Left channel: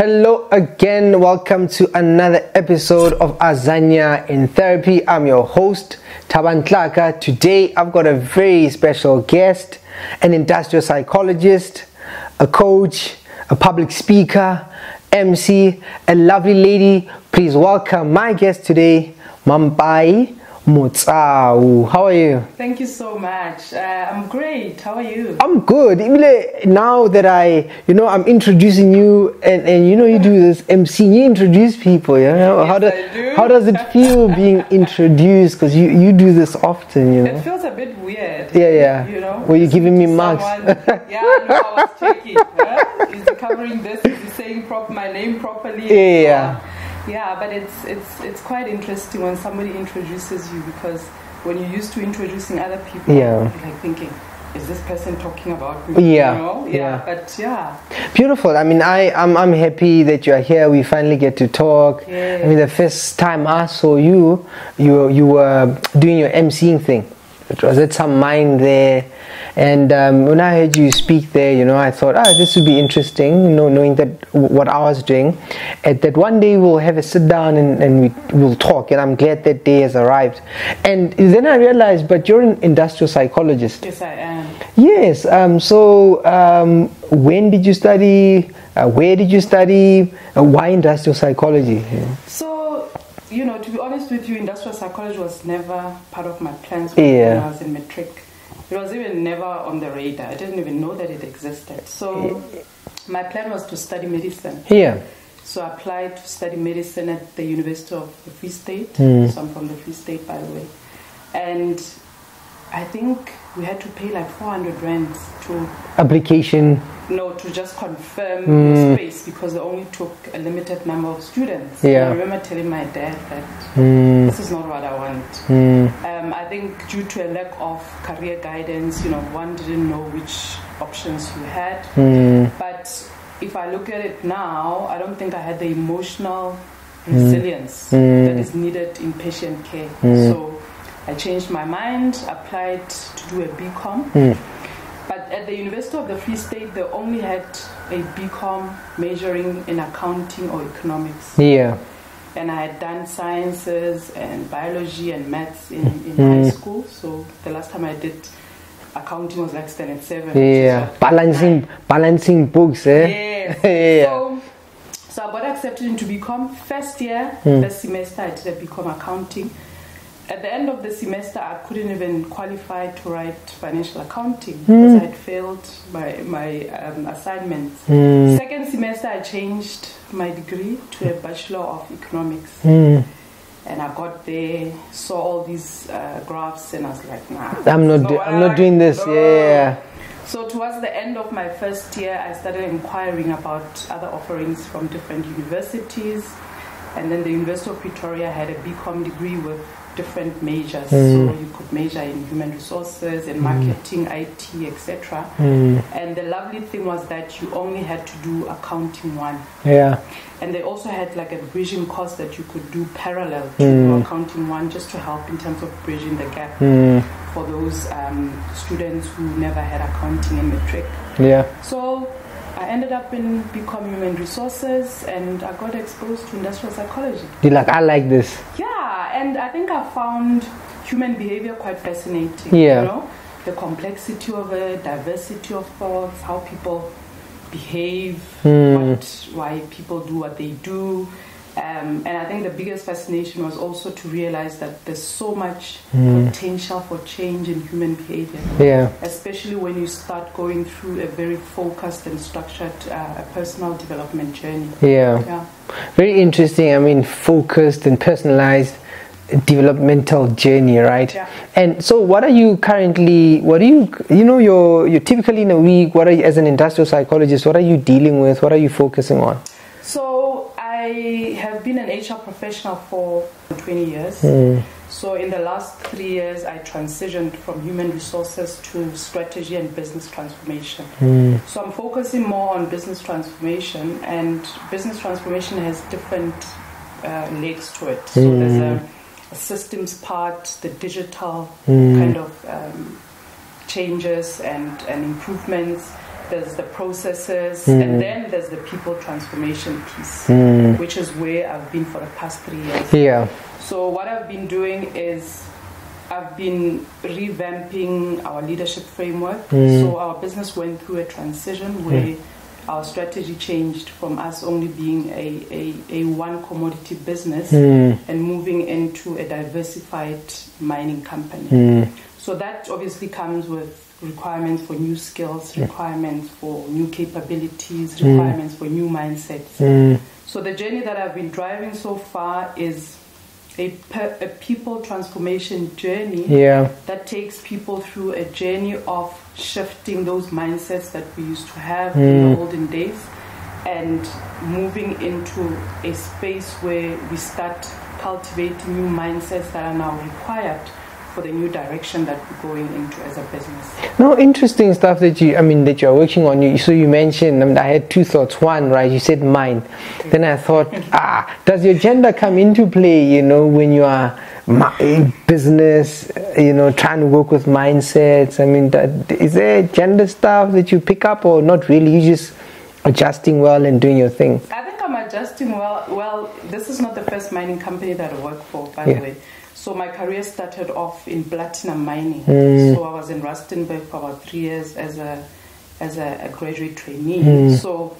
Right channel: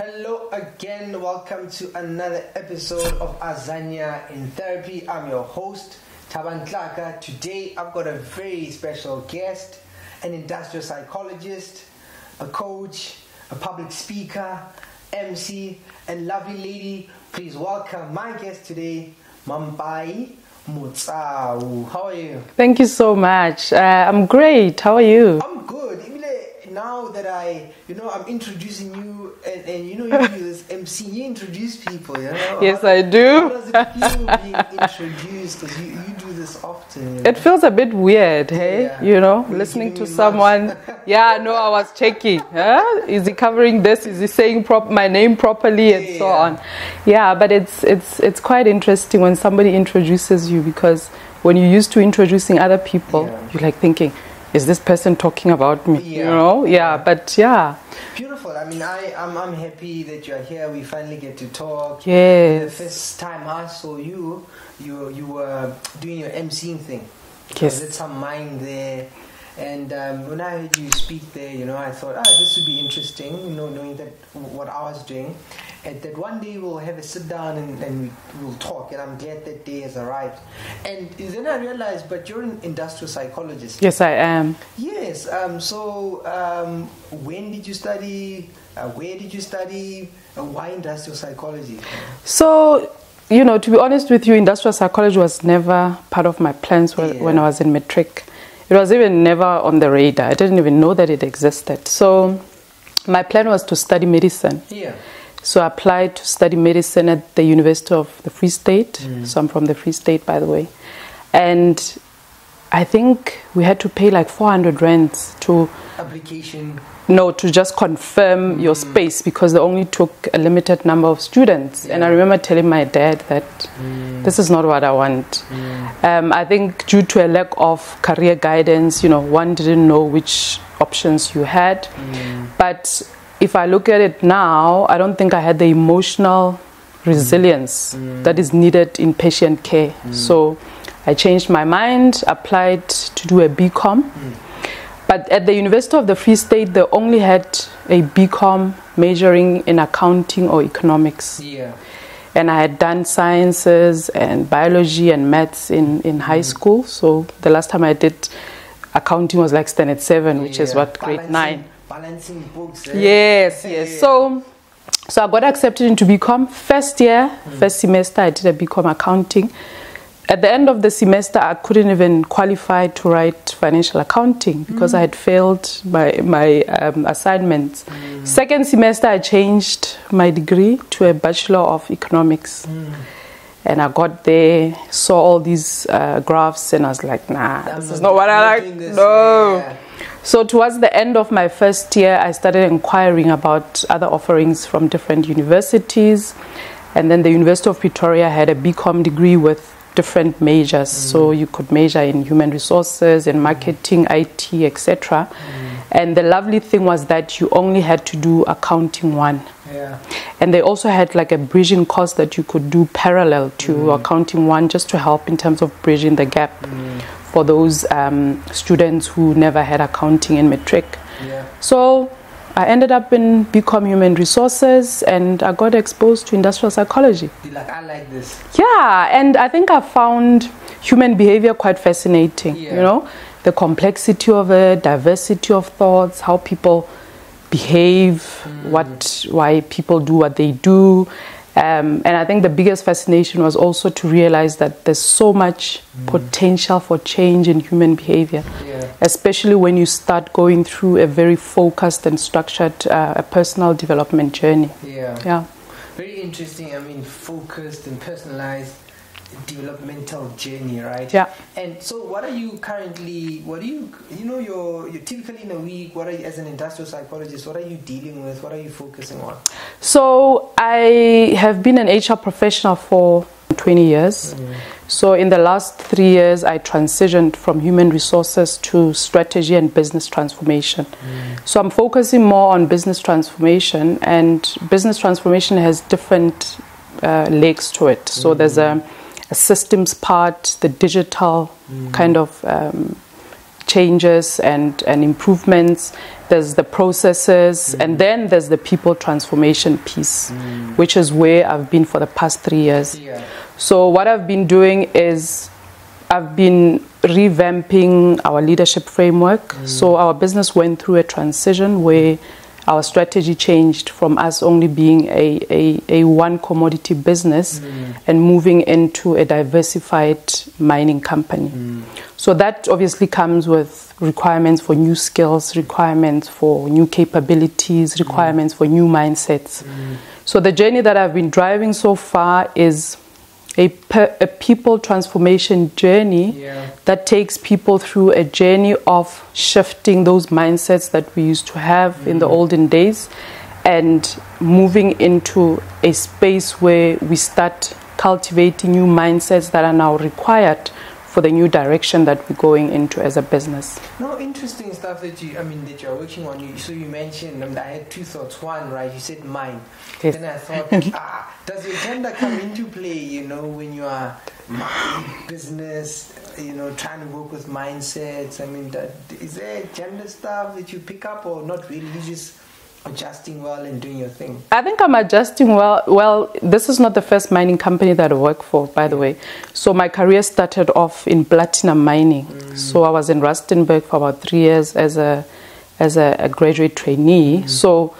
Hello again, welcome to another episode of Azania in Therapy. I'm your host, Tlaka. Today I've got a very special guest, an industrial psychologist, a coach, a public speaker, MC, a lovely lady. Please welcome my guest today, Mampai Motsau. How are you? Thank you so much. I'm great. How are you? I'm good. Now that I'm introducing you and you do this MC, you introduce people, Yes, I do. How does it feel being introduced? Because you do this often, It feels a bit weird. Yeah. Were you giving me someone? Yeah, no, I was checking. Is he covering this? Is he saying my name properly? And so on. Yeah, but it's quite interesting when somebody introduces you, because when you're used to introducing other people, you're like thinking, is this person talking about me? But beautiful. I mean, I'm happy that you are here. We finally get to talk. Yes. I mean, the first time I saw you were doing your MCing thing. It was at some mind there. And when I heard you speak there, I thought, this would be interesting, knowing that what I was doing. And that one day we'll have a sit down and we'll talk. And I'm glad that day has arrived. And then I realized, but you're an industrial psychologist. Yes, I am. Yes. So when did you study? Where did you study? Why industrial psychology? So, to be honest with you, industrial psychology was never part of my plans when I was in matric. It was even never on the radar. I didn't even know that it existed. So my plan was to study medicine. Yeah. So I applied to study medicine at the University of the Free State. So I'm from the Free State, by the way. And I think we had to pay like 400 rands to... Application? No, to just confirm your space, because they only took a limited number of students. Yeah. And I remember telling my dad that this is not what I want. I think due to a lack of career guidance, one didn't know which options you had. But if I look at it now, I don't think I had the emotional resilience that is needed in patient care. So I changed my mind, applied to do a BCom. But at the University of the Free State, they only had a BCom majoring in accounting or economics. Yeah. And I had done sciences and biology and maths in high school. So the last time I did accounting was like standard 7, which is what, balancing books. Yes. So I got accepted into BCom. First semester, I did a BCom accounting. At the end of the semester, I couldn't even qualify to write financial accounting because I had failed my assignments. Second semester, I changed my degree to a Bachelor of Economics. And I got there, saw all these graphs, and I was like, nah, I'm not doing this. No. Yeah. So towards the end of my first year, I started inquiring about other offerings from different universities. And then the University of Pretoria had a BCom degree with different majors, so you could major in human resources and marketing, IT, etc. And the lovely thing was that you only had to do accounting 1. Yeah. And they also had like a bridging course that you could do parallel to accounting 1, just to help in terms of bridging the gap for those students who never had accounting in matric. Yeah. So I ended up in BCom Human Resources, and I got exposed to industrial psychology. You're like, I like this. Yeah, and I think I found human behavior quite fascinating. Yeah. The complexity of it, diversity of thoughts, how people behave, why people do what they do. And I think the biggest fascination was also to realize that there's so much potential for change in human behavior. Yeah. Especially when you start going through a very focused and structured personal development journey. Yeah. Very interesting. I mean, focused and personalized developmental journey, right? Yeah. And so you're typically in a week, as an industrial psychologist, what are you dealing with? What are you focusing on? So I have been an HR professional for 20 years. So in the last 3 years, I transitioned from human resources to strategy and business transformation. So I'm focusing more on business transformation, and business transformation has different legs to it. So there's a systems part, the digital kind of changes and improvements. there's the processes, and then there's the people transformation piece, which is where I've been for the past 3 years. Yeah. So what I've been doing is I've been revamping our leadership framework. So our business went through a transition where our strategy changed from us only being a one commodity business and moving into a diversified mining company. So that obviously comes with requirements for new skills, requirements for new capabilities, requirements for new mindsets. So the journey that I've been driving so far is a people transformation journey that takes people through a journey of shifting those mindsets that we used to have in the olden days and moving into a space where we start cultivating new mindsets that are now required for the new direction that we're going into as a business. No, interesting stuff that you're working on. So you mentioned, I had two thoughts. One, right, you said mind. Yes. Then I thought, does your gender come into play, when you are business, trying to work with mindsets? Is there gender stuff that you pick up or not really? You just adjusting well and doing your thing? I think I'm adjusting well. Well, this is not the first mining company that I work for, by the way. So my career started off in platinum mining. So I was in Rustenburg for about 3 years as a graduate trainee. So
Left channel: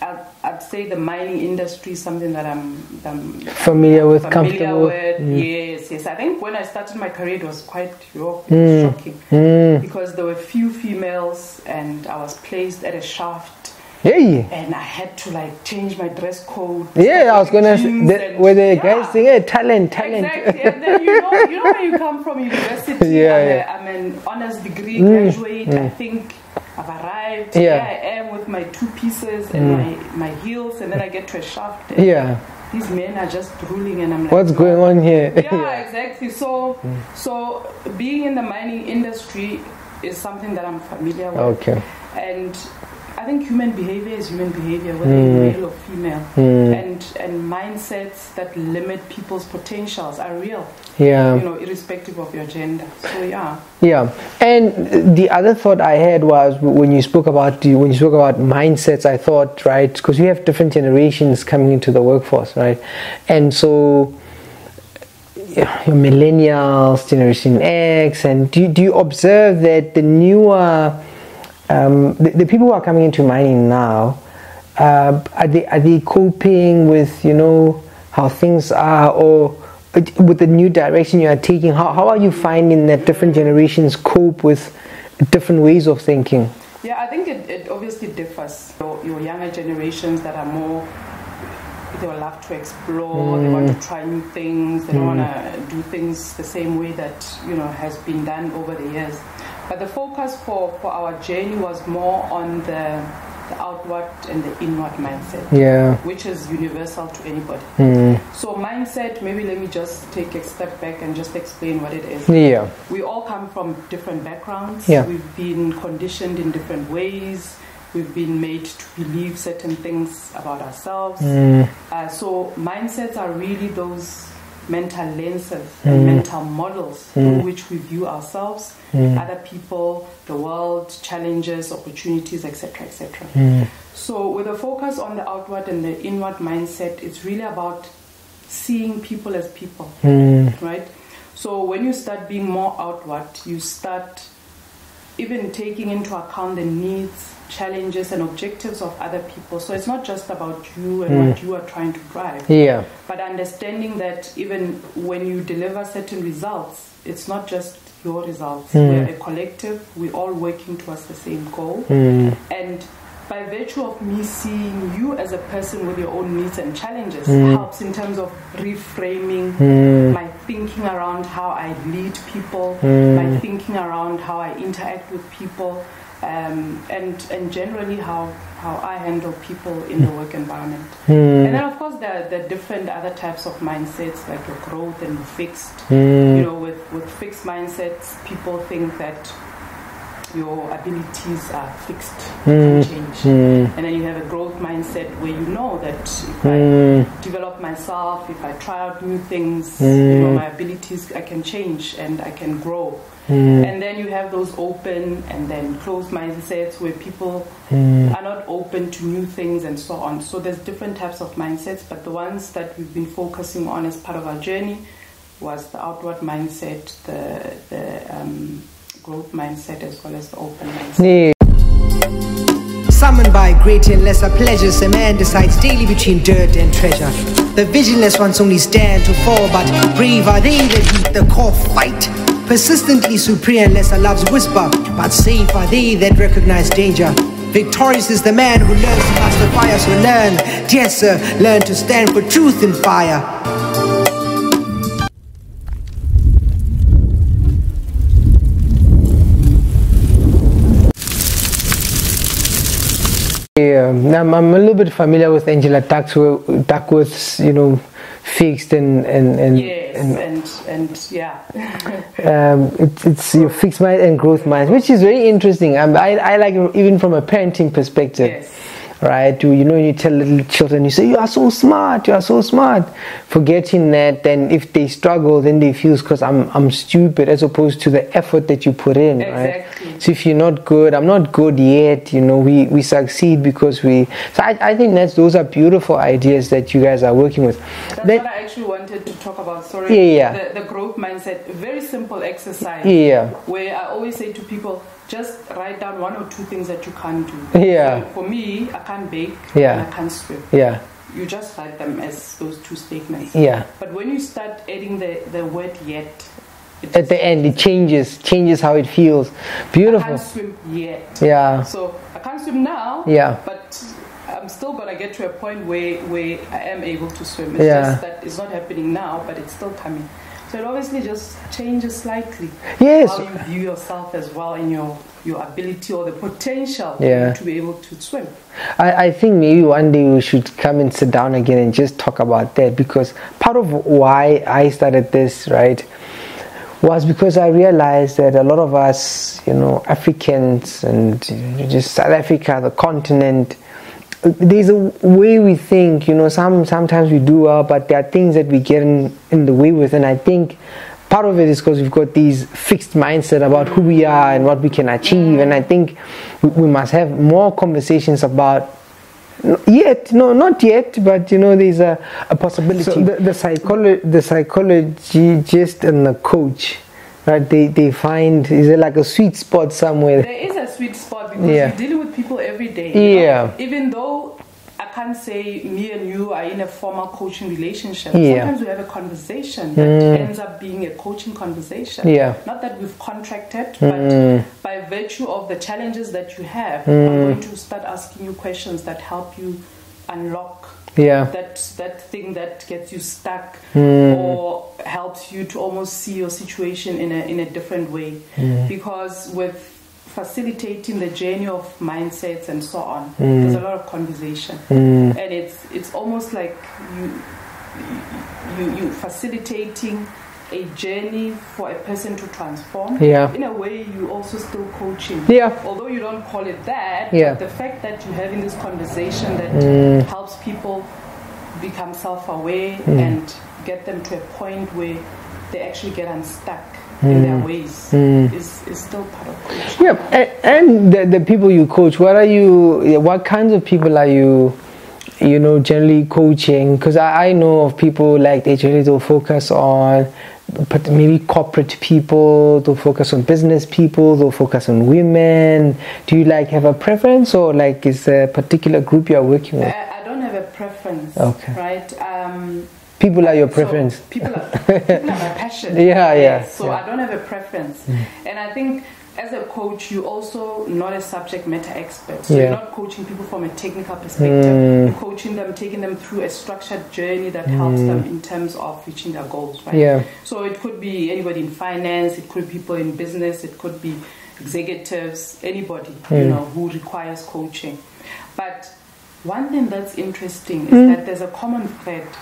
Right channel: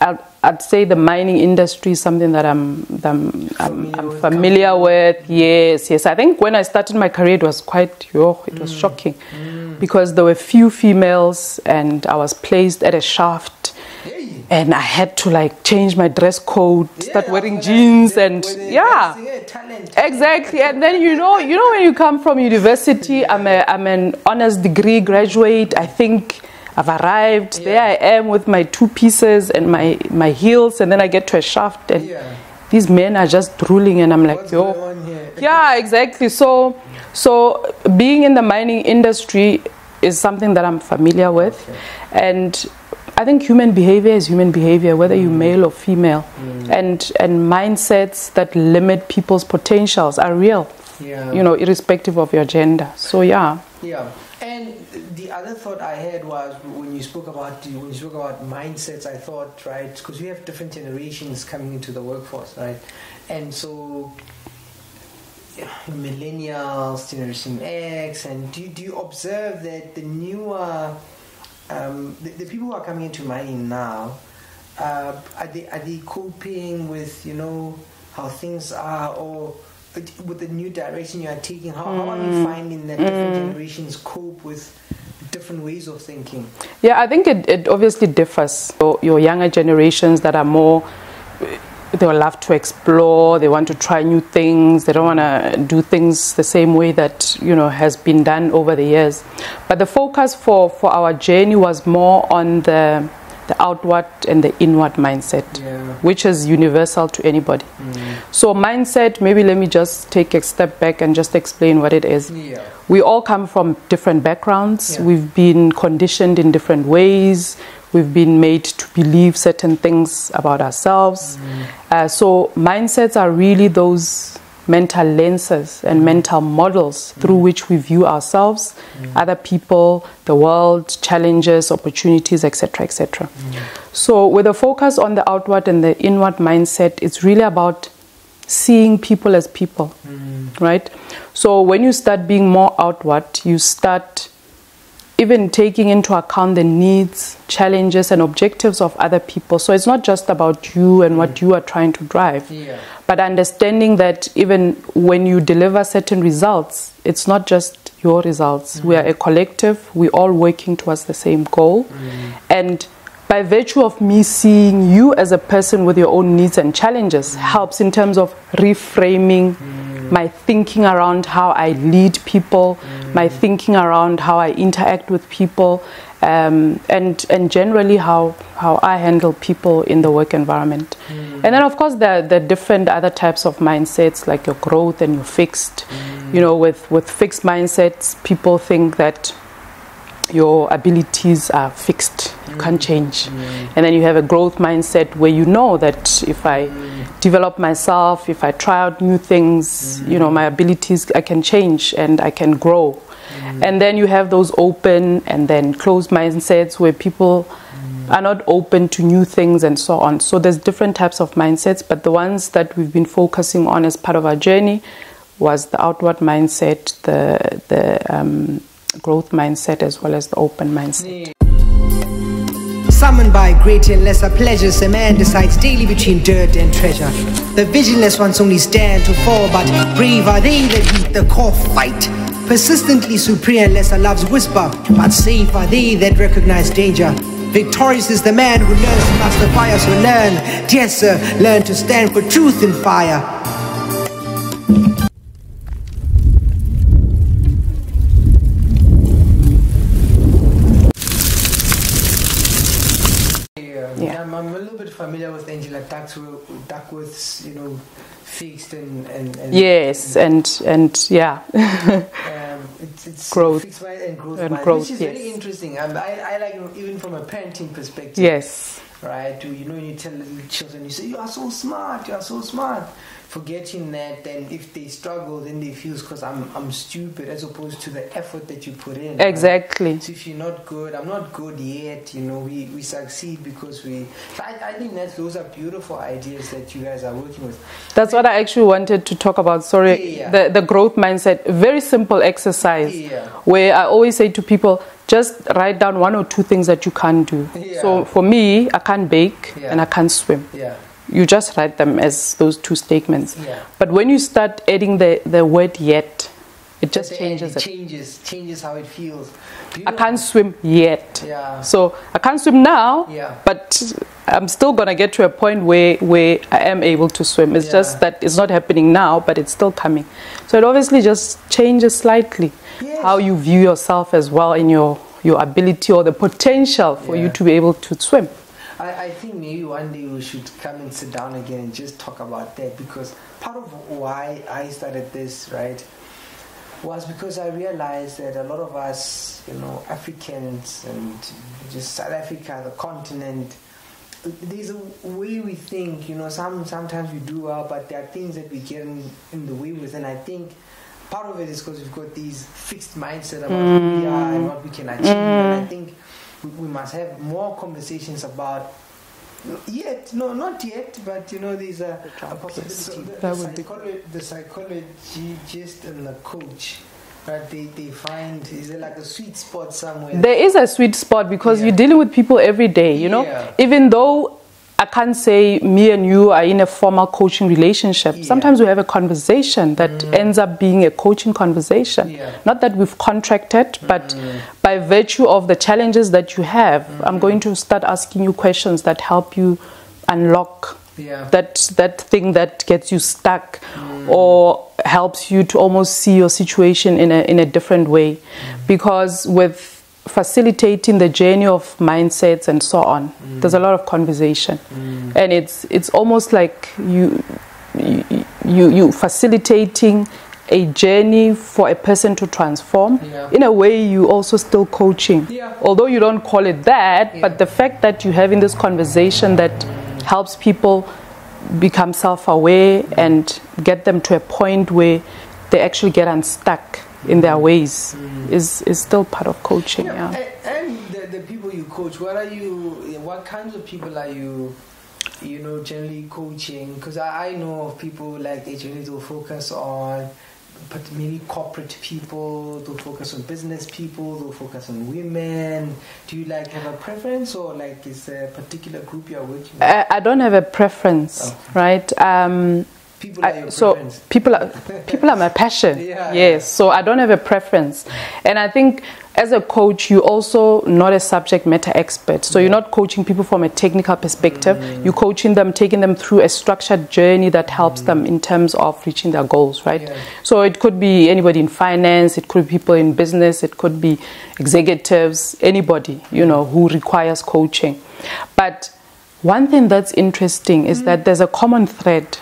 I'd say the mining industry is something that I'm familiar with. Yes. I think when I started my career, it was quite shocking because there were few females, and I was placed at a shaft. Hey. And I had to change my dress code, start wearing jeans, talent. Exactly. And then when you come from university, I'm an honors degree graduate. I think I've arrived. There I am with my 2 pieces and my heels, and then I get to a shaft and these men are just drooling, and I'm like, what's going on here? Yeah, exactly. So being in the mining industry is something that I'm familiar with. And I think human behavior is human behavior, whether you're male or female, and mindsets that limit people's potentials are real. Irrespective of your gender. So and the other thought I had was when you spoke about mindsets, I thought, right, because we have different generations coming into the workforce, right, and so your millennials, Generation X, and do you observe that the newer the people who are coming into mining now, are they coping with how things are, or with the new direction you are taking? How are you finding that different generations cope with different ways of thinking? Yeah, I think it obviously differs. Your younger generations that are more, they will love to explore, they want to try new things, they don't want to do things the same way that has been done over the years. But the focus for our journey was more on the outward and the inward mindset, which is universal to anybody. So mindset, maybe let me just take a step back and just explain what it is. We all come from different backgrounds. We've been conditioned in different ways. We've been made to believe certain things about ourselves. So mindsets are really those mental lenses and mental models through which we view ourselves, other people, the world, challenges, opportunities, etc., etc. So with a focus on the outward and the inward mindset, it's really about seeing people as people, right? So when you start being more outward, you start even taking into account the needs, challenges, and objectives of other people. So it's not just about you and what you are trying to drive, but understanding that even when you deliver certain results, it's not just your results. We are a collective. We're all working towards the same goal. And by virtue of me seeing you as a person with your own needs and challenges helps in terms of reframing my thinking around how I lead people, my thinking around how I interact with people, and generally how I handle people in the work environment. And then of course there are different other types of mindsets, like your growth and your fixed. With fixed mindsets, people think that your abilities are fixed, you can't change. And then you have a growth mindset where you know that if I develop myself, if I try out new things, my abilities, I can change and I can grow. And then you have those open and then closed mindsets where people are not open to new things and so on. So there's different types of mindsets, but the ones that we've been focusing on as part of our journey was the outward mindset, the growth mindset, as well as the open mindset. Yeah. Summoned by greater and lesser pleasures, a man decides daily between dirt and treasure. The vigilant ones only stand to fall, but brave are they that meet the core fight. Persistently superior and lesser loves whisper, but safe are they that recognize danger. Victorious is the man who learns to master fire, so learn, dear sir, learn to stand for truth in fire. Yeah. I'm a little bit familiar with Angela Duckworth's, fixed and yes, and yeah. It's fixed mind and growth mind, which is very interesting. I like it even from a parenting perspective. Yes. Right? You tell little children, you say, you are so smart, forgetting that then if they struggle, then they feel because I'm stupid, as opposed to the effort that you put in. Exactly. Right? So if you're not good, I'm not good yet, we succeed because so I think those are beautiful ideas that you guys are working with. That's what I actually wanted to talk about. Sorry. Yeah. The growth mindset, very simple exercise. Yeah. Where I always say to people, just write down 1 or 2 things that you can't do. Yeah. So for me, I can't bake and I can't swim. Yeah. You just write them as those 2 statements. Yeah. But when you start adding the word yet, it just at the end it changes how it feels. Beautiful. I can't swim yet. Yeah. So I can't swim now. Yeah. But I'm still gonna get to a point where I am able to swim. It's just that it's not happening now, but it's still coming. So it obviously just changes slightly how you view yourself as well in your ability or the potential for you to be able to swim. I think maybe one day we should come and sit down again and just talk about that, because part of why I started this, right, was because I realized that a lot of us, Africans and just South Africa, the continent, there's a way we think, sometimes we do well, but there are things that we get in the way with, and I think part of it is because we've got these fixed mindset about who we are and what we can achieve, and I think we must have more conversations about not yet, but there's a possibility. So the psychologist and the coach, right? They find, is there like a sweet spot somewhere? There is a sweet spot because you're dealing with people every day. Even though I can't say me and you are in a formal coaching relationship. Sometimes we have a conversation that ends up being a coaching conversation. Not that we've contracted, but by virtue of the challenges that you have, I'm going to start asking you questions that help you unlock that thing that gets you stuck or helps you to almost see your situation in a different way. Because with facilitating the journey of mindsets and so on, there's a lot of conversation, and it's almost like you facilitating a journey for a person to transform. In a way, you also still coaching. Although you don't call it that, but the fact that you're having this conversation that helps people become self-aware and get them to a point where they actually get unstuck in their ways is still part of coaching. And the people you coach, what kinds of people are you generally coaching? Because I know of people like they'll focus on maybe corporate people, they'll focus on business people, they'll focus on women. Do you have a preference, or is there a particular group you're working with? I don't have a preference, right? People are your preference. So people are my passion. So I don't have a preference. And I think as a coach, you're also not a subject matter expert. So you're not coaching people from a technical perspective. You're coaching them, taking them through a structured journey that helps them in terms of reaching their goals, right? So it could be anybody in finance, it could be people in business, it could be executives, anybody, who requires coaching. But one thing that's interesting is that there's a common thread.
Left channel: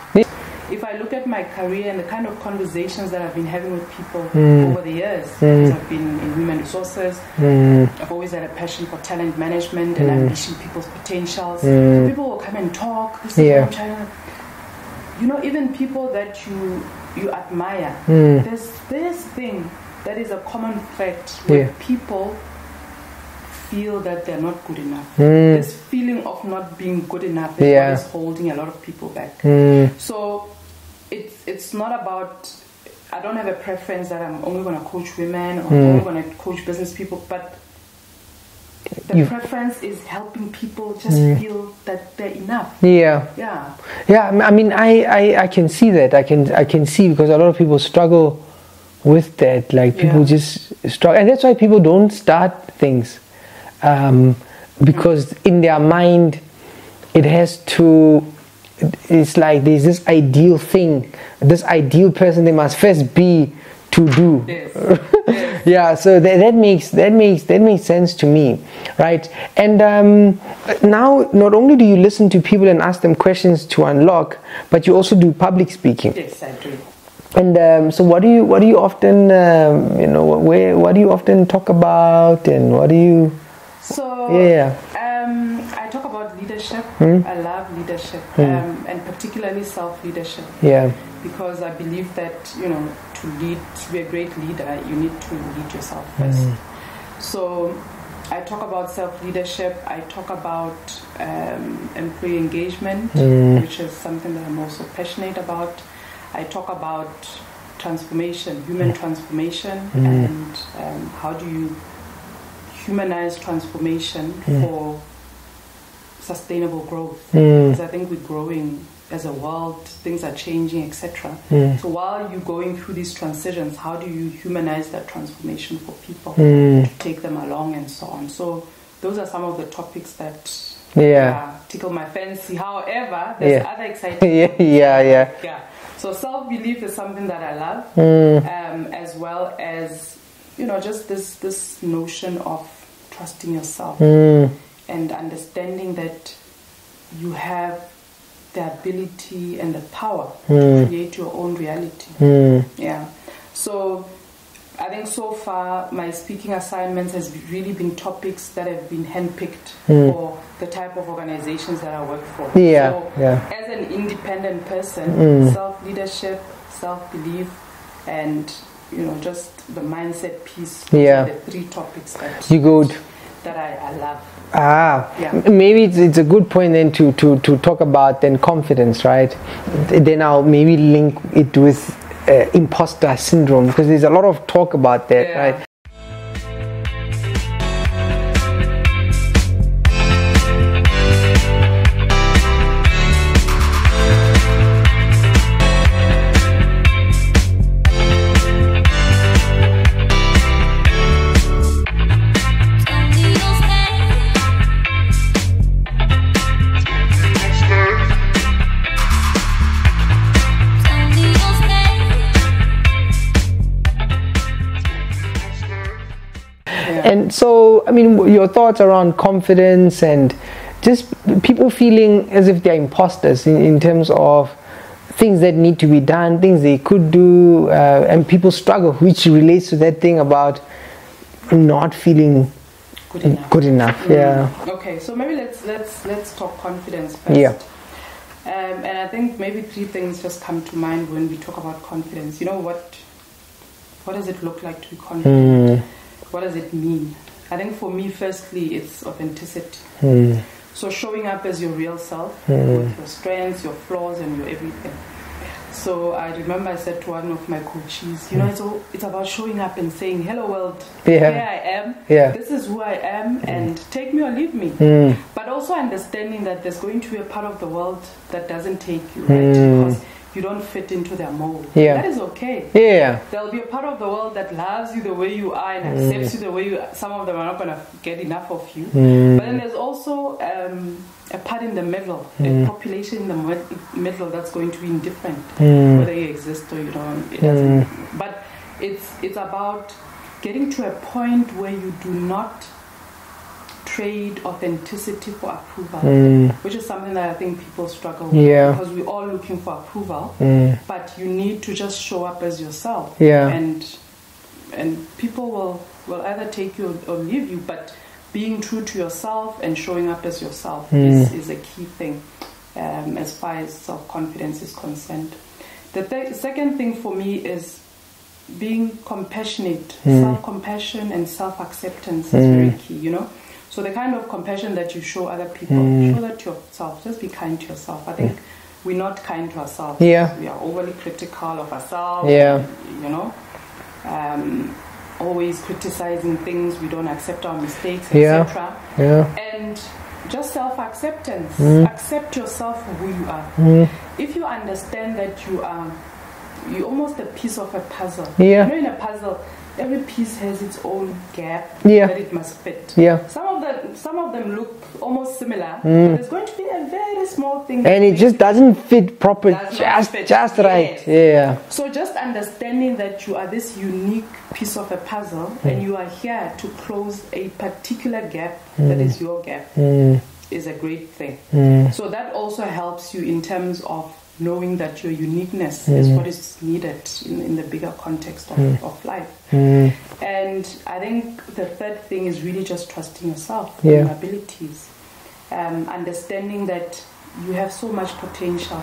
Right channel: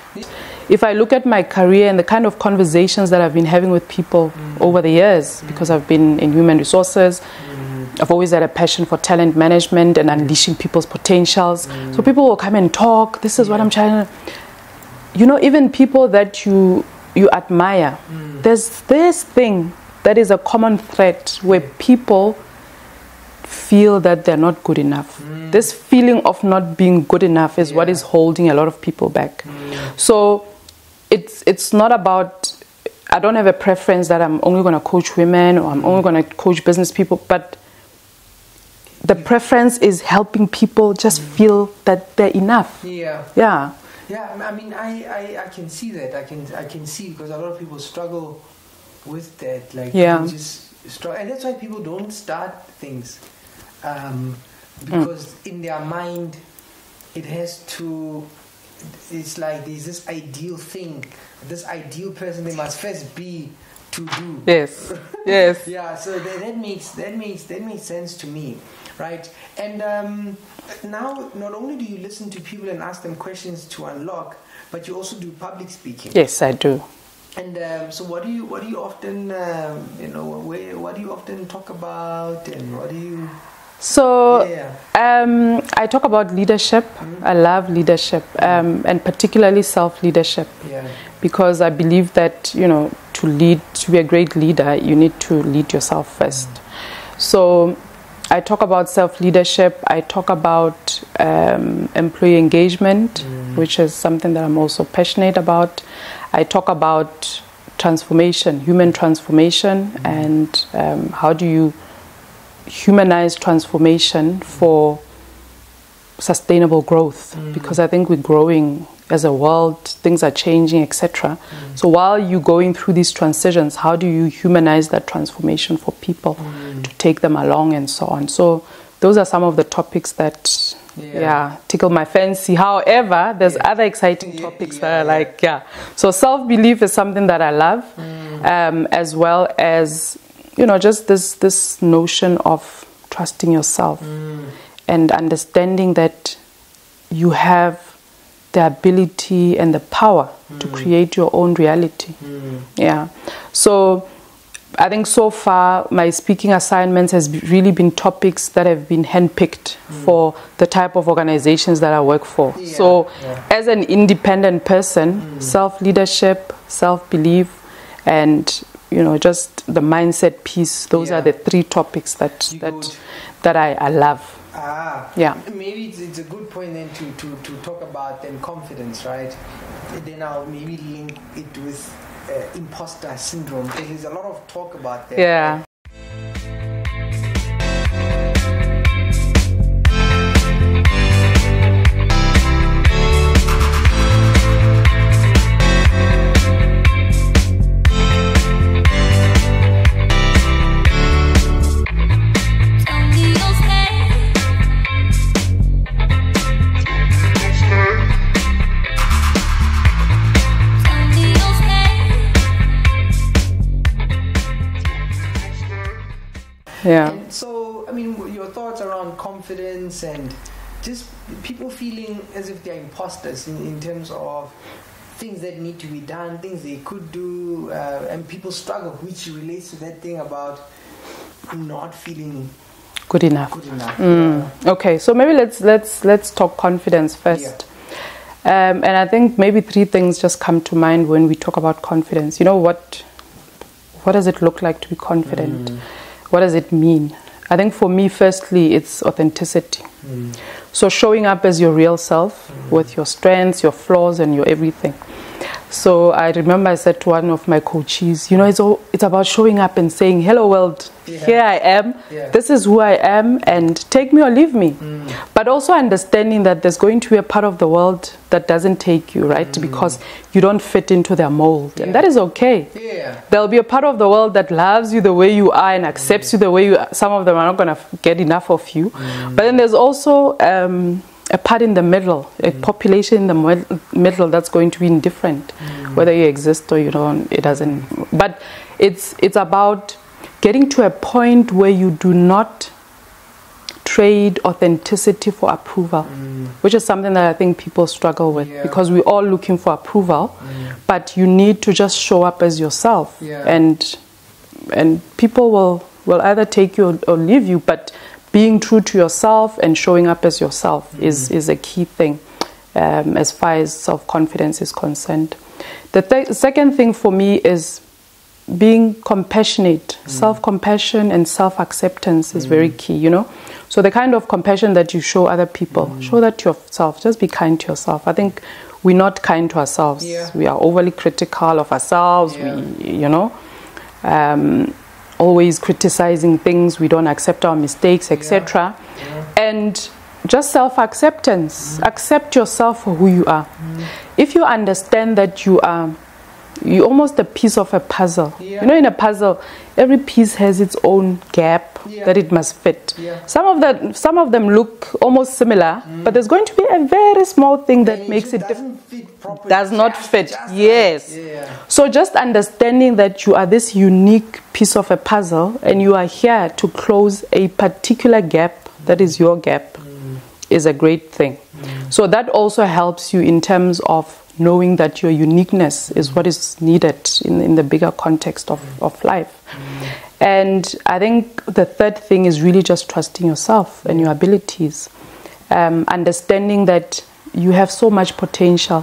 If I look at my career and the kind of conversations that I've been having with people over the years, because I've been in human resources, I've always had a passion for talent management and unleashing people's potentials. So people will come and talk, this is what I'm trying to... even people that you admire, there's this thing that is a common thread where people feel that they're not good enough. This feeling of not being good enough is what is holding a lot of people back. So it's not about, I don't have a preference that I'm only going to coach women or I'm only going to coach business people, but the preference is helping people just feel that they're enough. Yeah. I mean, I can see that. I can see, because a lot of people struggle with that. Like people just struggle, and that's why people don't start things, because in their mind it has to. It's like there's this ideal thing, this ideal person they must first be to do. Yes. Yeah. So that makes sense to me, right? And now, not only do you listen to people and ask them questions to unlock, but you also do public speaking. Yes, I do. And so, what do you often, what do you often talk about, and what do you? So, I talk about leadership. I love leadership, and particularly self-leadership. Yeah. Because I believe that, to be a great leader, you need to lead yourself first. So, I talk about self-leadership. I talk about employee engagement, which is something that I'm also passionate about. I talk about transformation, human transformation, and how do you humanize transformation for sustainable growth, because I think we're growing as a world, things are changing, etc. So while you're going through these transitions, how do you humanize that transformation for people to take them along and so on? So those are some of the topics that tickle my fancy. However, there's other exciting topics that I like. So self-belief is something that I love, as well as just this notion of trusting yourself and understanding that you have the ability and the power to create your own reality. So I think so far my speaking assignments has really been topics that have been handpicked for the type of organizations that I work for. As an independent person, self-leadership, self-belief, and just the mindset piece, those are the three topics that I love. Maybe it's a good point then to talk about then confidence, right? Then I'll maybe link it with imposter syndrome, because there's a lot of talk about that, right? And so, I mean, your thoughts around confidence and just people feeling as if they're imposters in terms of things that need to be done, things they could do, and people struggle, which relates to that thing about not feeling good enough. Okay, so maybe let's talk confidence first. And I think maybe three things just come to mind when we talk about confidence. What does it look like to be confident? What does it mean? I think for me, firstly, it's authenticity. So showing up as your real self with your strengths, your flaws, and your everything. So I remember I said to one of my coaches, it's about showing up and saying, hello world, here I am, this is who I am, and take me or leave me. But also understanding that there's going to be a part of the world that doesn't take you, right? Because you don't fit into their mold. And that is okay. There'll be a part of the world that loves you the way you are and accepts you the way you are. Some of them are not going to get enough of you. But then there's also a part in the middle, a population in the middle that's going to be indifferent, whether you exist or you don't. It doesn't. But it's about getting to a point where you do not trade authenticity for approval, which is something that I think people struggle with, because we're all looking for approval, but you need to just show up as yourself, and people will either take you or leave you, but being true to yourself and showing up as yourself is a key thing as far as self-confidence is concerned. The second thing for me is being compassionate, self-compassion and self-acceptance is very key, you know. So the kind of compassion that you show other people, show that to yourself. Just be kind to yourself. I think we're not kind to ourselves. Yeah. We are overly critical of ourselves, Yeah. you know. Always criticizing things. We don't accept our mistakes, etc. Yeah. And just self-acceptance. Accept yourself for who you are. If you understand that you're almost a piece of a puzzle. Yeah. You know, in a puzzle, every piece has its own gap that it must fit. Yeah. Some of them look almost similar, but there's going to be a very small thing that and it makes just doesn't fit properly. Does not fit. Just yes. right. Yeah. So just understanding that you are this unique piece of a puzzle and you are here to close a particular gap that is your gap is a great thing. So that also helps you in terms of knowing that your uniqueness is what is needed in the bigger context of life. And I think the third thing is really just trusting yourself and your abilities. Understanding that you have so much potential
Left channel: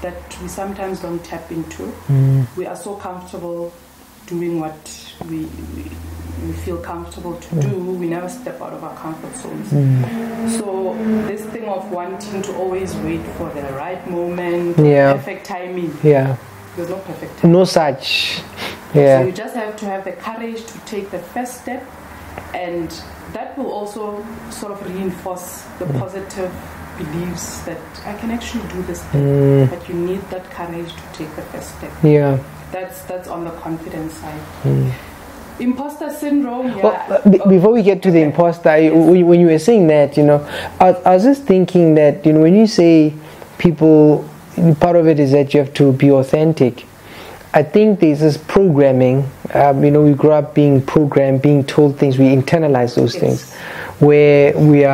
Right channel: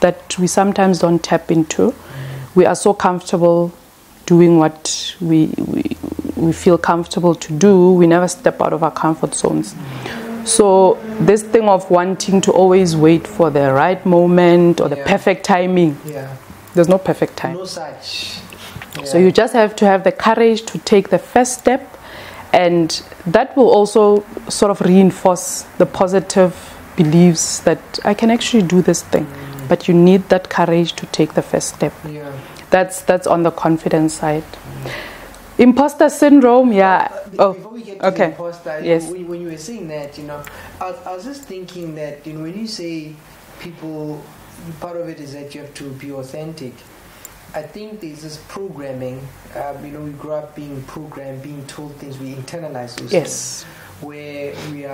that we sometimes don't tap into. We are so comfortable doing what we feel comfortable to do. We never step out of our comfort zones. So this thing of wanting to always wait for the right moment or the perfect timing. There's no perfect time. No such. So you just have to have the courage to take the first step, and that will also sort of reinforce the positive beliefs that I can actually do this thing. But you need that courage to take the first step. That's on the confidence side. Imposter syndrome, Well, before we get to the imposter, when you were saying that, you know, I was just thinking that, you know, when you say people, part of it is that you have to be authentic. I think there's this programming, you know, we grow up being programmed, being told things, we internalize those things, where we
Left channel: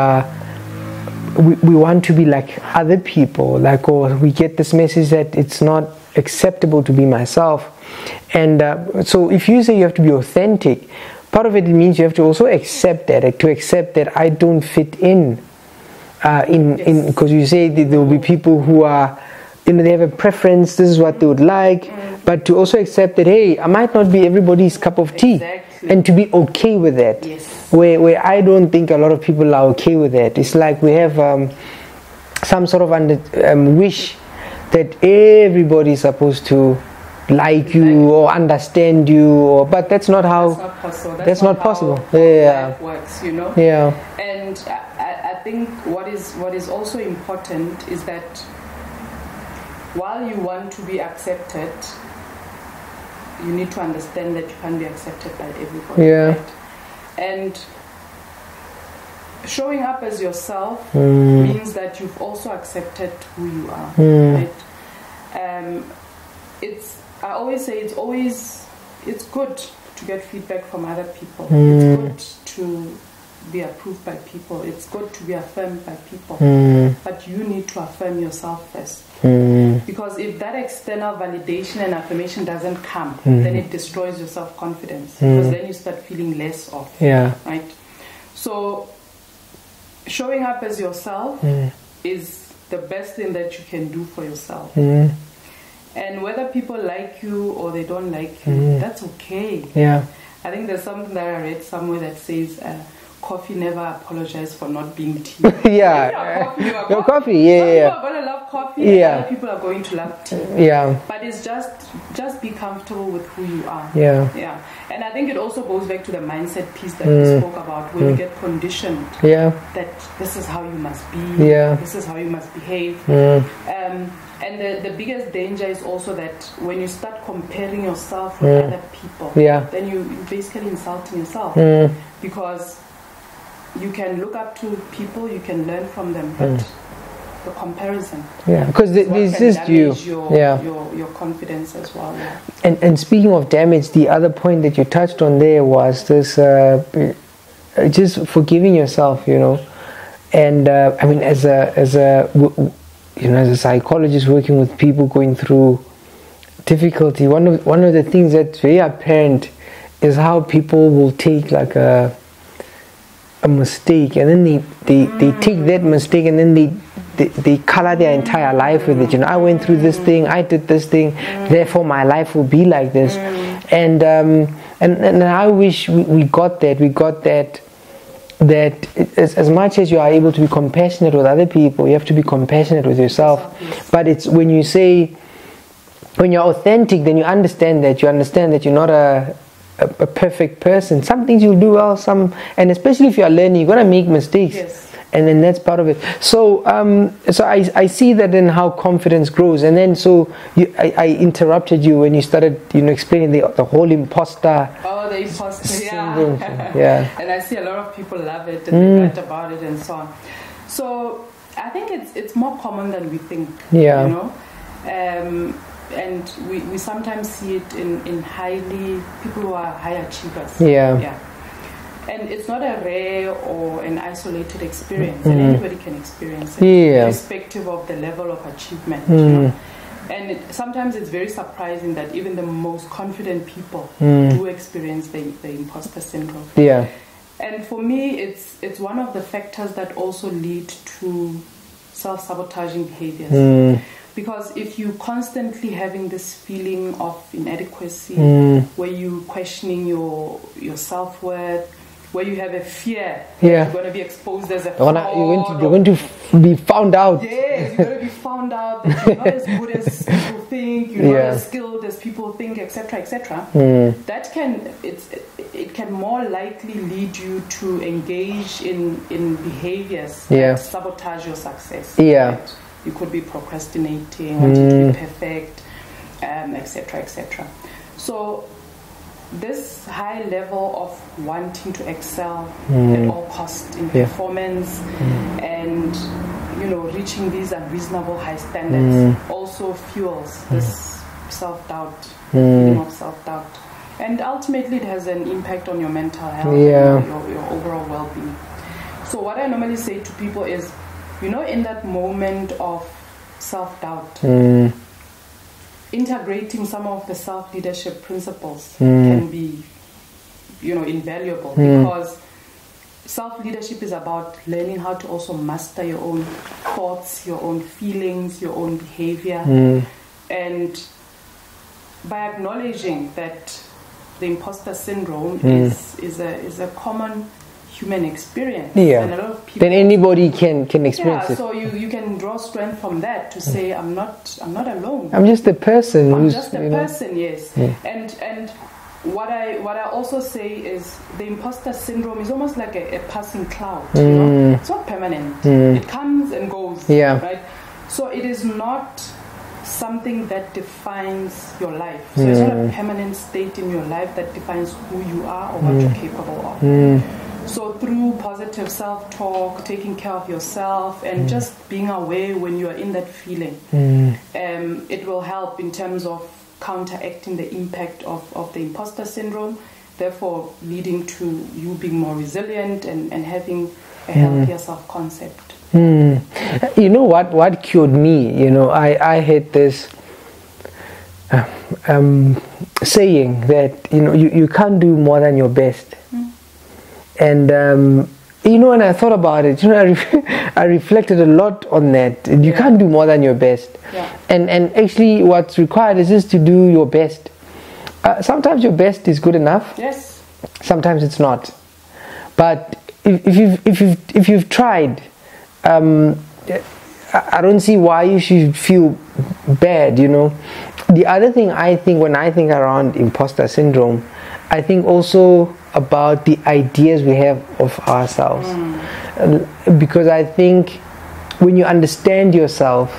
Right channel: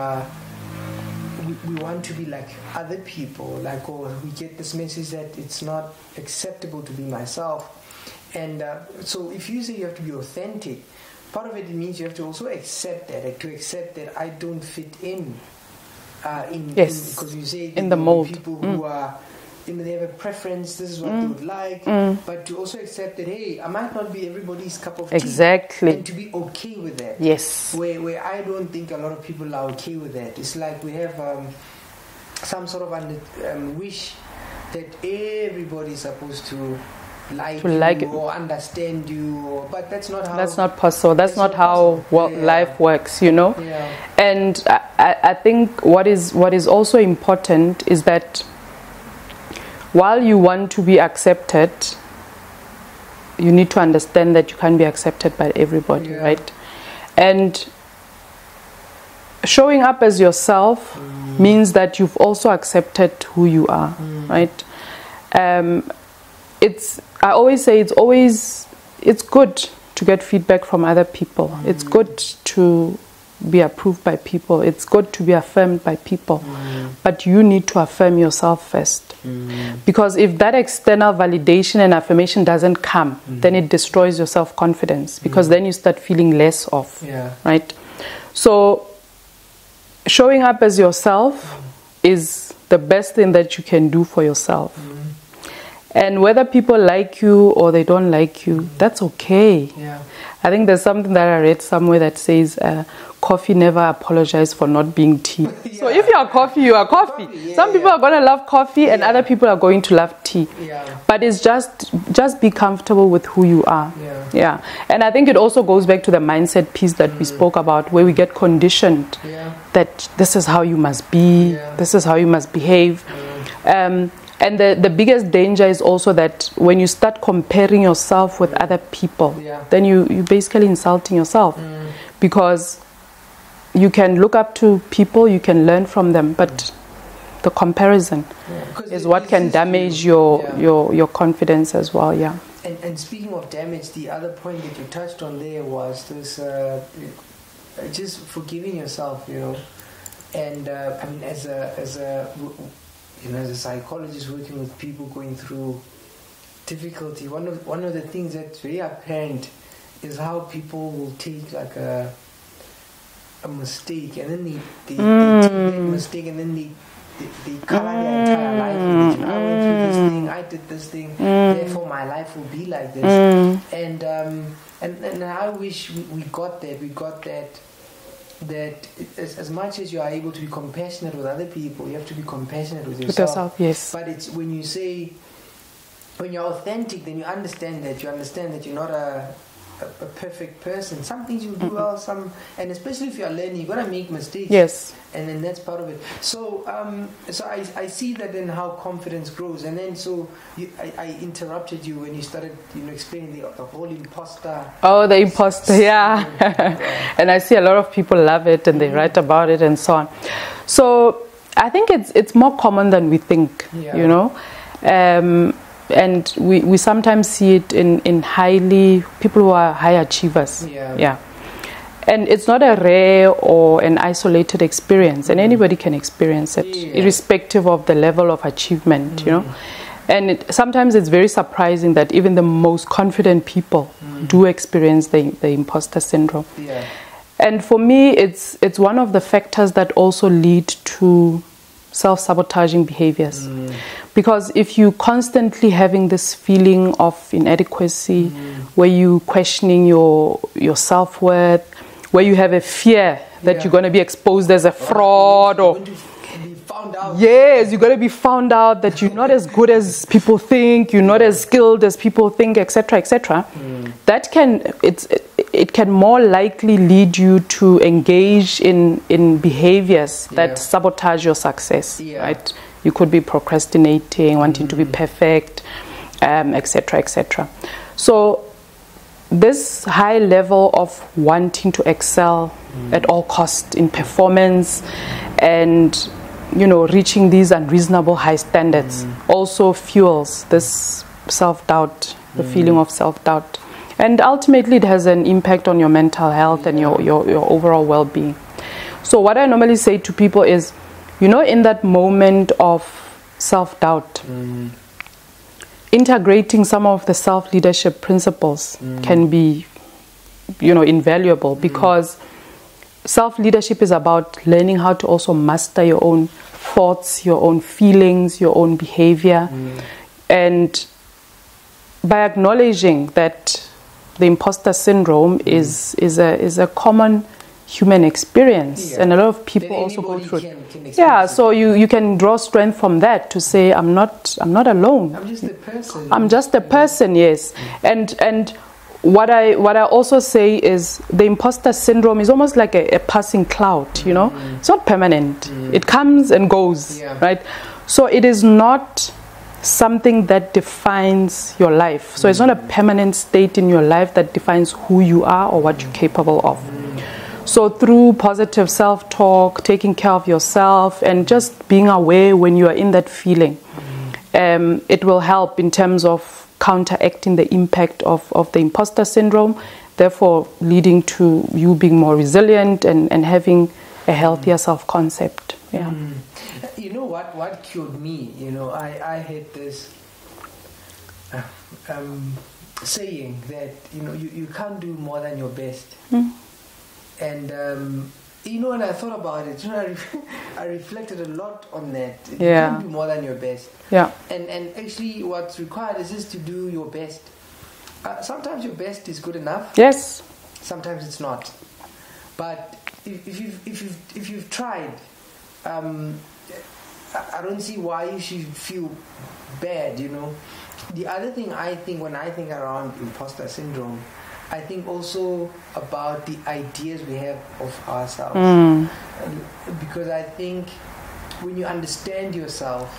want to be like other people, like, or we get this message that it's not acceptable to be myself. And so if you say you have to be authentic, part of it means you have to also accept that I don't fit in because you say that there will be people who are, you know, they have a preference, this is what they would like, but to also accept that, hey, I might not be everybody's cup of tea. And to be okay with that. Where I don't think a lot of people are okay with that. It's like we have some sort of wish that everybody's supposed to like you or understand you, but that's not how. That's not possible. That's not how life works, you know. And I think what is also important is that while you want to be accepted, you need to understand that you can't be accepted by everybody, right? And showing up as yourself means that you've also accepted who you are, right? I always say it's good to get feedback from other people. It's good to be approved by people. It's good to be affirmed by people. But you need to affirm yourself first. Because if that external validation and affirmation doesn't come, then it destroys your self-confidence. Because then you start feeling less of, right? So showing up as yourself is the best thing that you can do for yourself. And whether people like you or they don't like you, that's okay. I think there's something that I read somewhere that says coffee never apologizes for not being tea. So if you are coffee, you are coffee. Some people are going to love coffee and other people are going to love tea. But it's just be comfortable with who you are. And I think it also goes back to the mindset piece that we spoke about, where we get conditioned that this is how you must be, this is how you must behave. And the biggest danger is also that when you start comparing yourself with other people, then you're basically insulting yourself. Because you can look up to people, you can learn from them, but the comparison is what can damage your confidence as well. And speaking of damage, the other point that you touched on there was this just forgiving yourself, you know. And I mean, as a psychologist working with people going through difficulty, one of the things that's very apparent is how people will take like a mistake, and then they take that mistake and then they color their entire life with it. You know, I went through this thing, I did this thing, therefore my life will be like this. And I wish we got that. We got that as much as you are able to be compassionate with other people, you have to be compassionate with yourself. Yes. But it's when you say, when you're authentic, then you understand that you're not a perfect person. Some things you'll do well, and especially if you are learning, you're gonna make mistakes. Yes. And then that's part of it. So I see that in how confidence grows. And then I interrupted you when you started, explaining the whole imposter. Oh, the imposter, yeah. Yeah. And I see a lot of people love it and they write about it and so on. So I think it's more common than we think. Yeah. And we sometimes see it in people who are high achievers. Yeah. And it's not a rare or an isolated experience, and anybody can experience it, irrespective of the level of achievement, And sometimes it's very surprising that even the most confident people do experience the imposter syndrome. Yeah. And for me, it's one of the factors that also lead to self-sabotaging behaviors. Because if you constantly having this feeling of inadequacy, where you questioning your self-worth, where you have a fear that you're going to be exposed as a fraud, you're going to be found out. Yes, you're going to be found out, that you're not as good as people think, you're not as skilled as people think, etc., etc. That can more likely lead you to engage in behaviors that sabotage your success. Right? You could be procrastinating, wanting to be perfect, etc., etc. So this high level of wanting to excel at all costs in performance and reaching these unreasonable high standards also fuels this self-doubt, the feeling of self-doubt, and ultimately it has an impact on your mental health and your overall well-being. So what I normally say to people is, in that moment of self-doubt, integrating some of the self-leadership principles can be, invaluable, because self-leadership is about learning how to also master your own thoughts, your own feelings, your own behavior. And by acknowledging that the imposter syndrome is a common human experience, and a lot of people, then anybody can experience it. So you can draw strength from that to say, I'm not alone. I'm just a person. I'm just a person, yes. And what I also say is the imposter syndrome is almost like a passing cloud. It's not permanent. It comes and goes. Right. So it is not something that defines your life. So it's not a permanent state in your life that defines who you are or what you're capable of. So through positive self-talk, taking care of yourself, and just being aware when you are in that feeling, it will help in terms of counteracting the impact of the imposter syndrome, therefore leading to you being more resilient and having a healthier self-concept. You know what cured me? I had this saying that you can't do more than your best. And when I thought about it, I reflected a lot on that. You can't do more than your best. And actually, what's required is just to do your best. Sometimes your best is good enough. Yes. Sometimes it's not. But if you've tried, I don't see why you should feel bad. The other thing I think when I think around imposter syndrome, I think also about the ideas we have of ourselves, because I think when you understand yourself,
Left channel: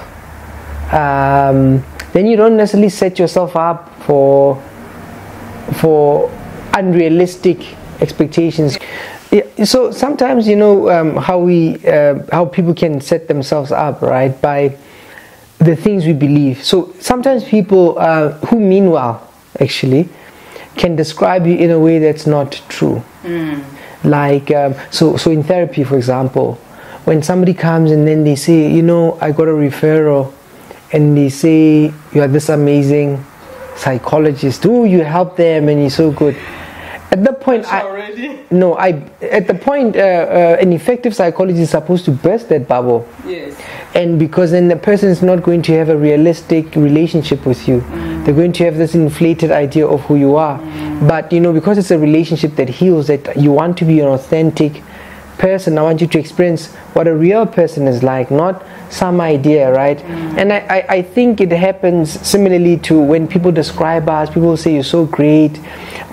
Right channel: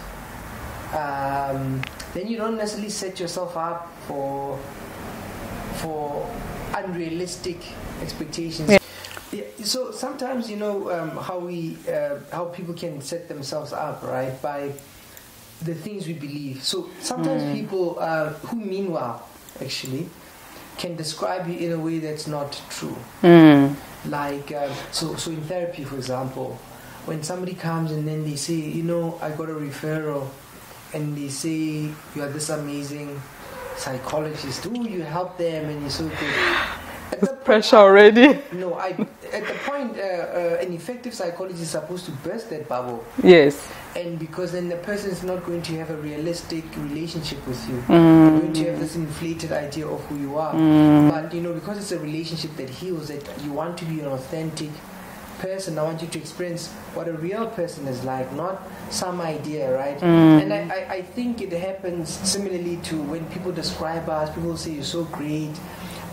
then you don't necessarily set yourself up for unrealistic expectations. So sometimes how people can set themselves up, right, by the things we believe. So sometimes people who mean well actually can describe you in a way that's not true. Like, so in therapy, for example, when somebody comes and then they say, I got a referral, and they say, you are this amazing psychologist, you help them and you're so good. At the point, pressure already. No, at the point, an effective psychologist is supposed to burst that bubble. Yes. And because then the person is not going to have a realistic relationship with you. They're going to have this inflated idea of who you are. But, because it's a relationship that heals, that you want to be an authentic person, I want you to experience what a real person is like, not some idea, right? And I think it happens similarly to when people describe us. People say you're so great,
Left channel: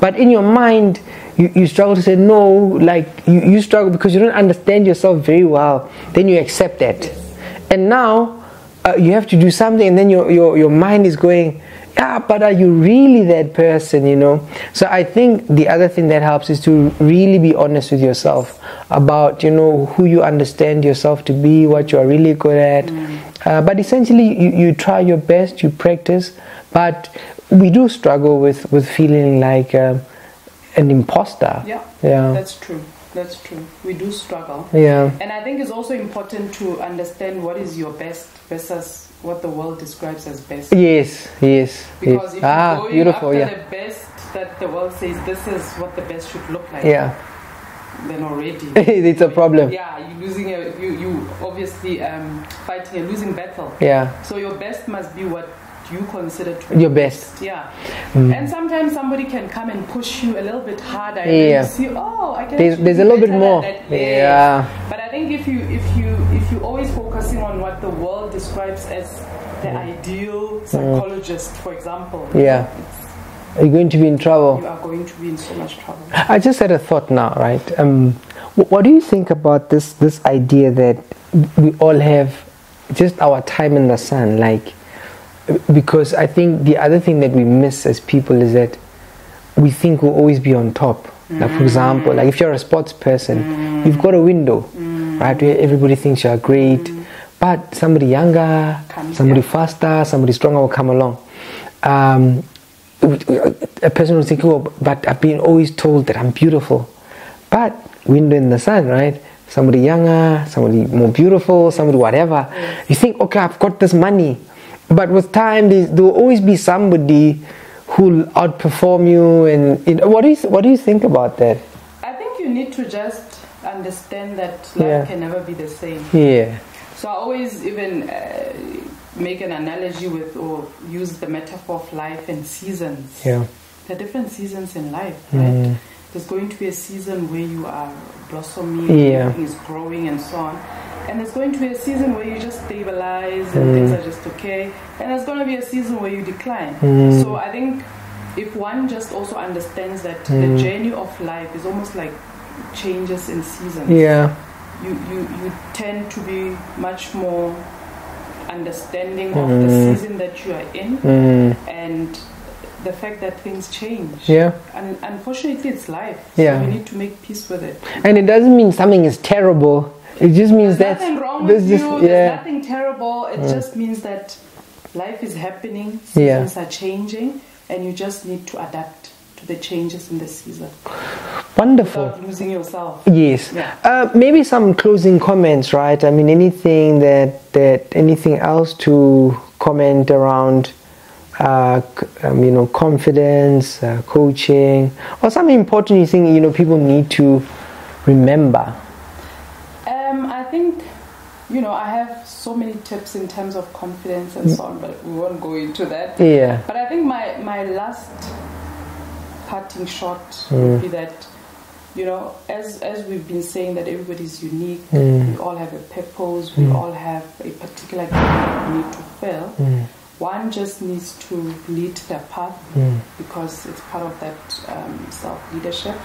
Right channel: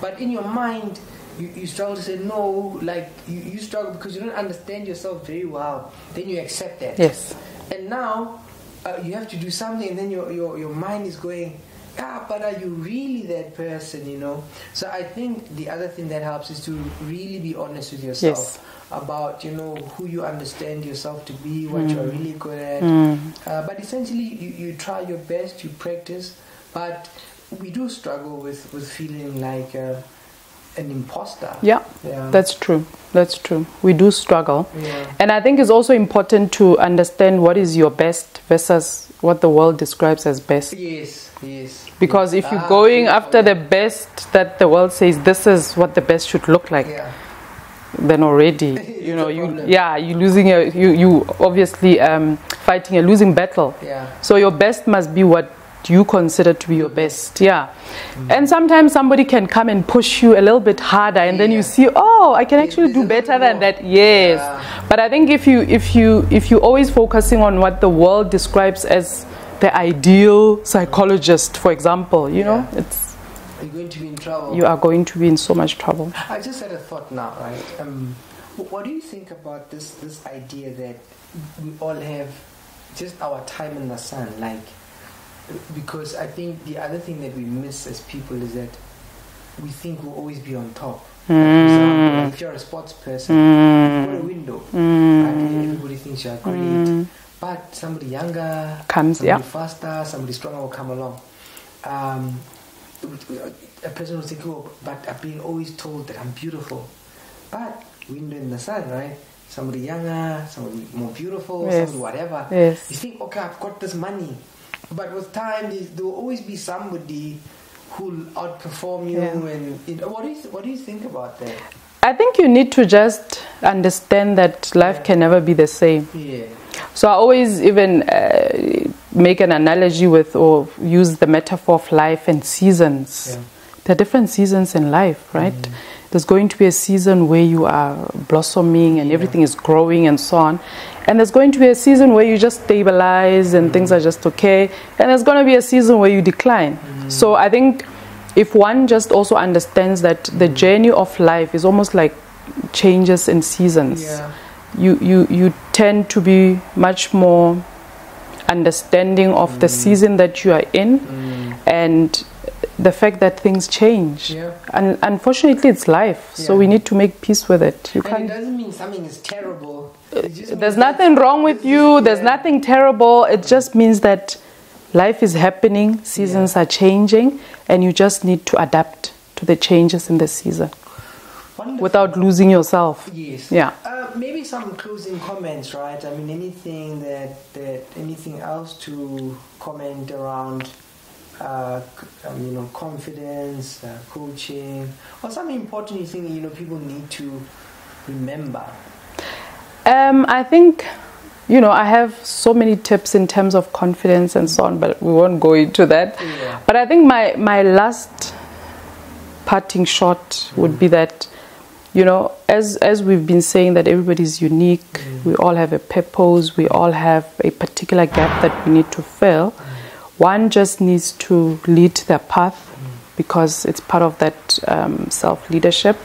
but in your mind you struggle to say no. Like you struggle because you don't understand yourself very well. Then you accept that. Yes. And now you have to do something, and then your mind is going, yeah, but are you really that person, So I think the other thing that helps is to really be honest with yourself about, who you understand yourself to be, what you are really good at. But essentially, you try your best, you practice, but we do struggle with feeling like an imposter. Yeah, that's true. That's true. We do struggle. Yeah. And I think it's also important to understand what is your best versus what the world describes as best. Yes. Because if you're going after the best that the world says this is what the best should look like, then already it's a problem. You're losing you obviously fighting a losing battle. Yeah. So your best must be what you consider to be your best. And sometimes somebody can come and push you a little bit harder, and then you see, I can actually do better than that. But I think if you always focusing on what the world describes as the ideal psychologist, for example, you know, you're going to be in trouble. You are going to be in so much trouble. I just had a thought now, right? What do you think about this idea that we all have just our time in the sun, like? Because I think the other thing that we miss as people is that we think we'll always be on top. Like for example, like if you're a sports person, you've got a window, right, where everybody thinks you're great, but somebody younger, somebody faster, somebody stronger will come along. A person will think, but I've been always told that I'm beautiful. But window in the sun, right? Somebody younger, somebody more beautiful, somebody whatever. You think, okay, I've got this money. But with time, there will always be somebody who'll outperform you. And what do you think about that? I think you need to just understand that life can never be the same. Yeah. So I always even make an analogy with, or use the metaphor of life and seasons. Yeah. There are different seasons in life, right? There's going to be a season where you are blossoming, and everything is growing and so on. And there's going to be a season where you just stabilize and things are just okay. And there's going to be a season where you decline. So I think if one just also understands that the journey of life is almost like changes in seasons. Yeah. You tend to be much more understanding of the season that you are in and the fact that things change. Yeah. And unfortunately, it's life. So we need to make peace with it. And it doesn't mean something is terrible. It just means there's nothing wrong with you. There's yeah. nothing terrible. It just means that life is happening. Seasons are changing, and you just need to adapt to the changes in the season. Wonderful. Without losing yourself. Yes. Yeah. Maybe some closing comments, right? I mean, anything anything else to comment around, confidence, coaching, or something important you think people need to remember. I think, I have so many tips in terms of confidence and so on, but we won't go into that. Yeah. But I think my last parting shot would be that, as we've been saying that everybody's unique, we all have a purpose, we all have a particular gap that we need to fill. One just needs to lead their path because it's part of that self-leadership.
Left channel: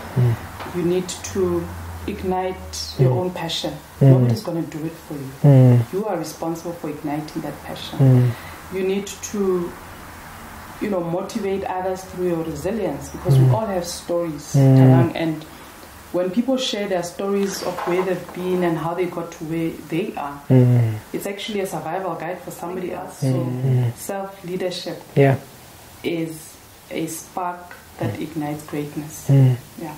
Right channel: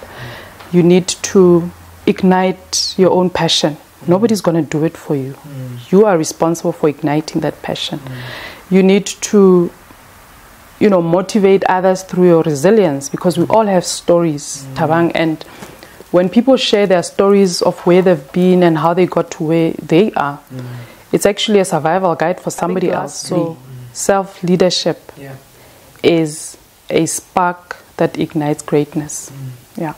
You need to ignite your own passion. Nobody's going to do it for you. You are responsible for igniting that passion. You need to, motivate others through your resilience because we all have stories, Thabang, and when people share their stories of where they've been and how they got to where they are, it's actually a survival guide for somebody else. So self-leadership is a spark that ignites greatness. Yeah.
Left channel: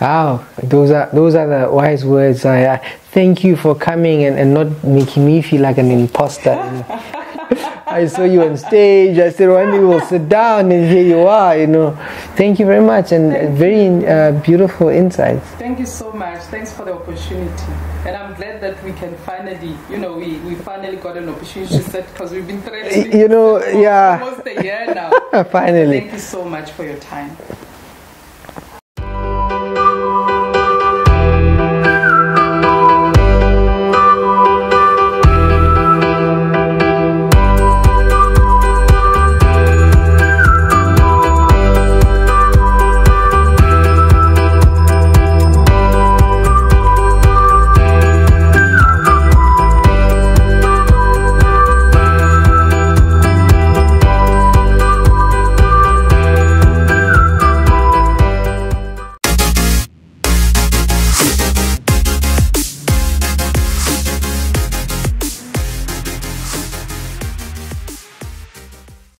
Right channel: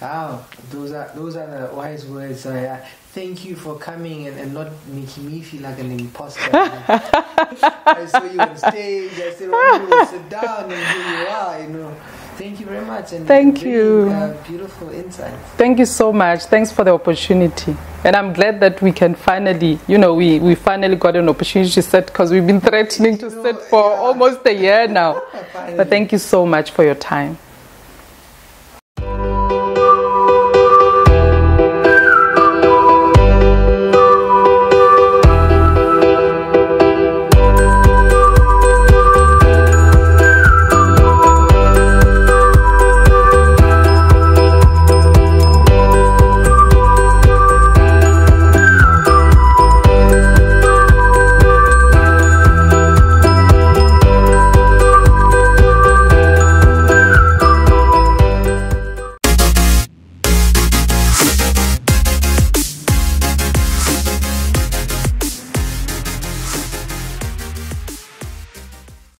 Wow, those are the wise words. thank you for coming and not making me feel like an imposter. I saw you on stage. I said, one day we'll sit down, and here you are. You know, thank you very much, and very beautiful insights. Thank you so much. Thanks for the opportunity, and I'm glad that we can finally, you know, we finally got an opportunity to sit, because we've been threatening to sit for almost a year now. Finally. But thank you so much for your time.